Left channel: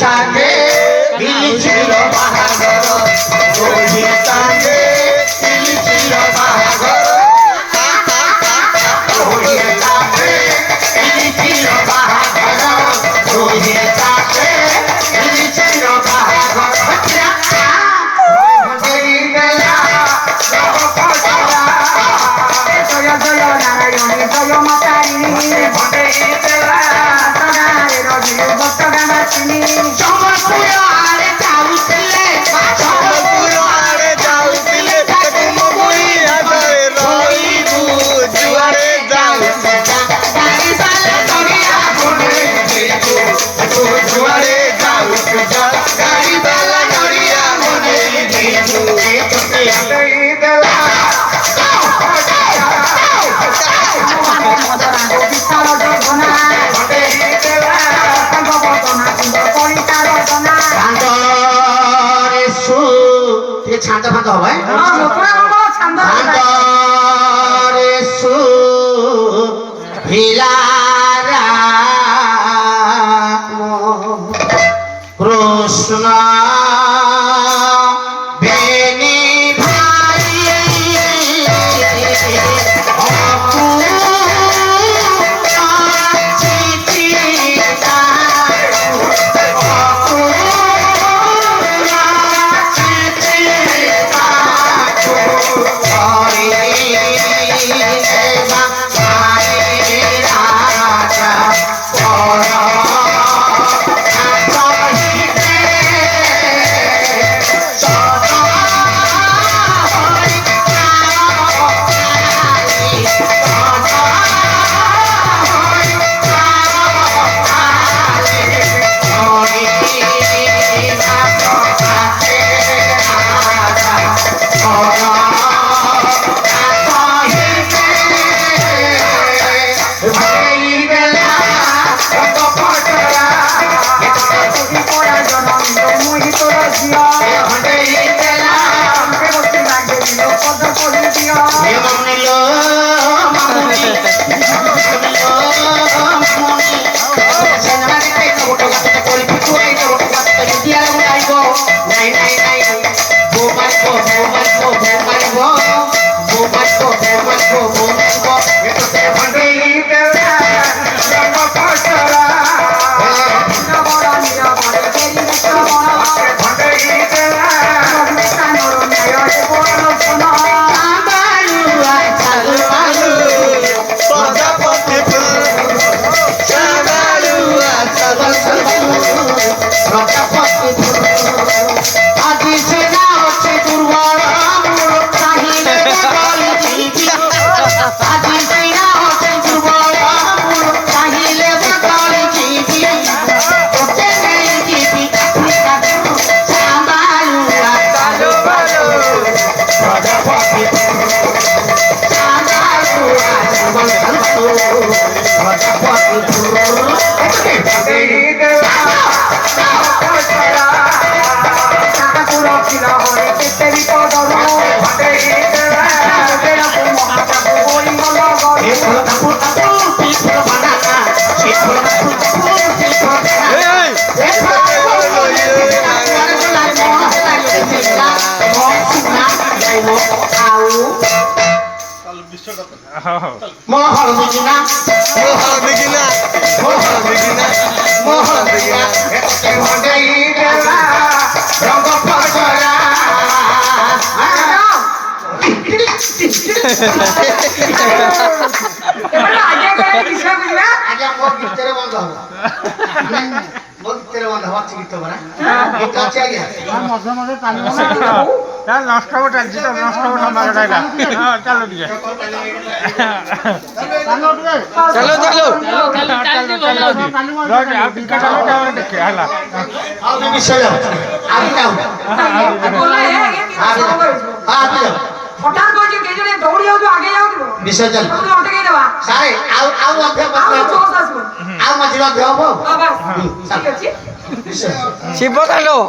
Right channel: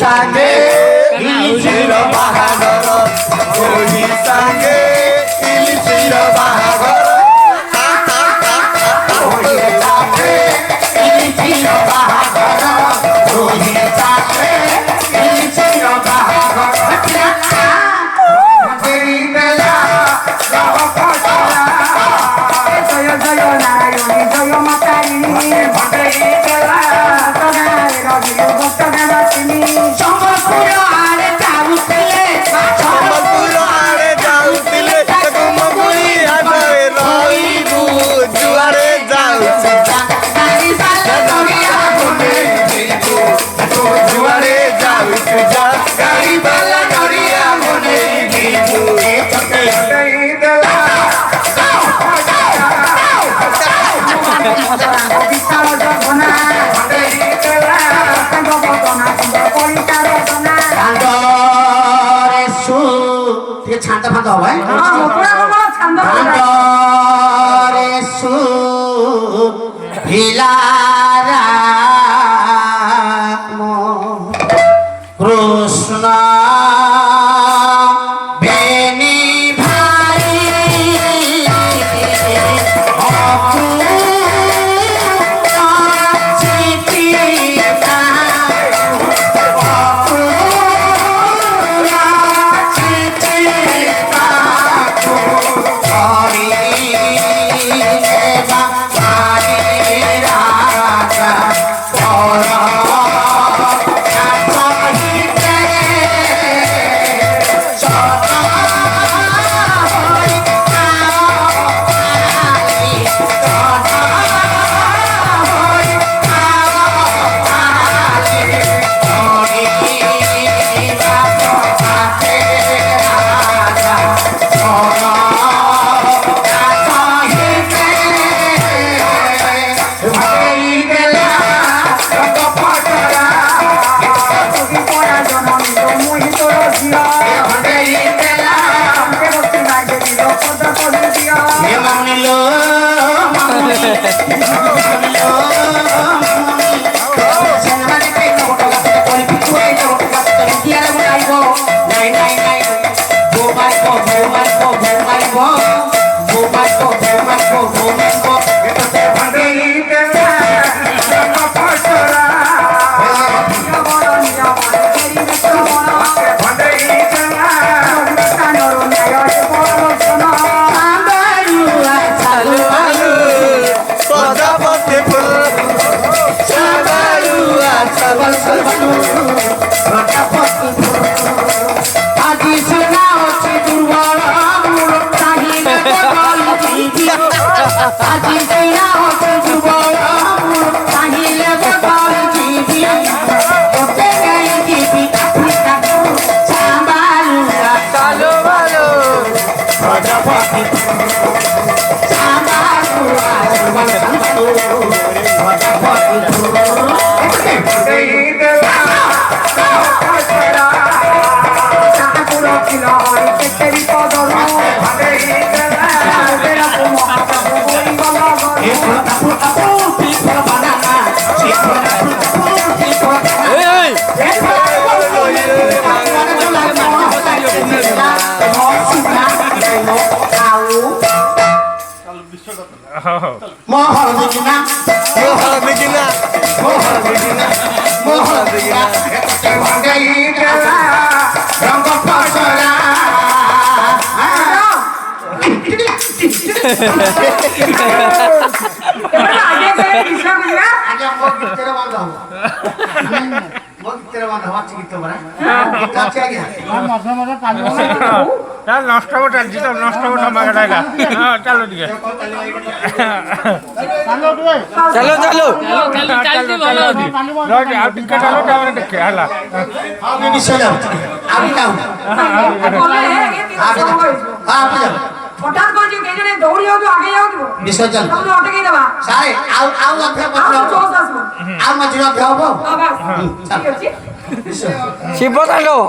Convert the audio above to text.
Sange, Ilishiro Mahagoro, Johi Sange, Ilishiro Mahagoro, Johi Sange, Ilishiro Mahagoro, Johi Sange, Ilishiro Mahagoro, Bela, Navakoshara, Joyo Joyo Narayoni, Joyo Matarini, Bela, ছান্দ ফাঁদ হবে ছান্দরে সু ভিলারা কৃষ্ণ বেনি ভাই ମୋ ହଳଦୀ କିନା ଏତେ ଭଙ୍ଗେଇ ଦେଲା ରଙ୍ଗ ଫସଲା ଆଜ୍ଞା ମୋ ଗୀତରେ ବନ୍ଦ ହବ ମୋ ଗୀତରେ ବନ୍ଦ ହବ ଅଛି ଗୀତ ପରା ଗୀତ ଅଛି ଆଜ୍ଞା নষ্ট চালছি তো নষ্ট চালো দিয়ে দেখে হলা ଆଉ ବି ବିଷୟ ଯାଉ ଆଉ ବି ଯାଉ হঠাৎ কইছি কে জনে দৌড়ি যাও আগে যাও দিব ବିଷୟ ଚାଲୁ তোমরা অটকে দেবা ସାରେ ଆଉ ମଧ୍ୟ ଆଉ ପତ୍ର জোস আসবো ଆଉ ମଝିରେ ମଧ୍ୟ ହବ বাবা ঠিক আছে ବିଷୟ ଶିବ ତାଣ୍ଡବ